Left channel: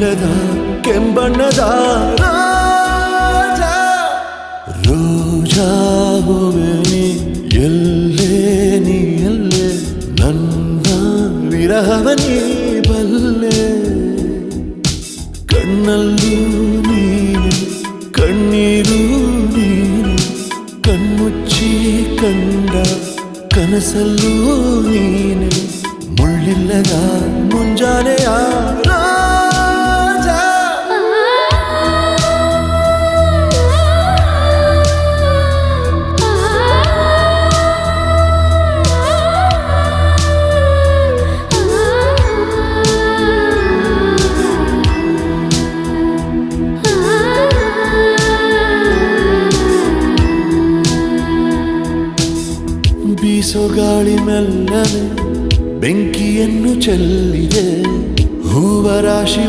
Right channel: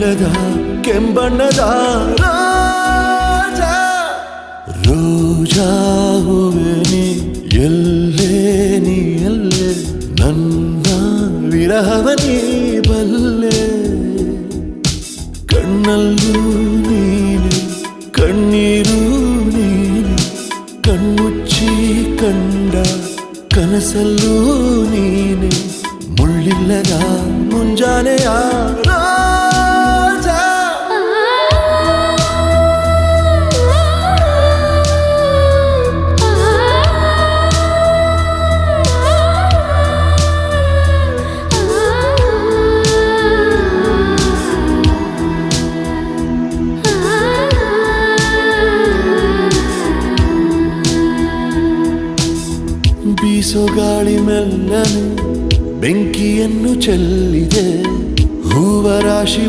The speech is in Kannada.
ಮುಳ್ಳಿಲ್ಲದ ಕೆಂಬಣ್ಣದ ರೋಜಾ ರೋಜಾ ಹೂವೆ ನೀ ಎಲ್ಲೇ ನನ್ನ ವಿರಹವ ನೀ ಬಲ್ಲೆ ಕಣ್ಣಲ್ಲೂ ನೀನೆ ಕಣ್ಣೀರು ನೀನೆ ಕಣ್ಮುಚ್ಚಿ ಕಂಡ ಕನಸಲ್ಲೂ ನೀನೆ ಮುಳ್ಳಿಲ್ಲದ ಮುಂಜಾನೆಯ ರಾಜಾ ಬೀಸೋ ಗಾಳಿ ಮೆಲ್ಲನೆ ಬೆಂಕಿಯನ್ನು ಚೆಲ್ಲಿದೆ ಹೂವ ರಾಶಿ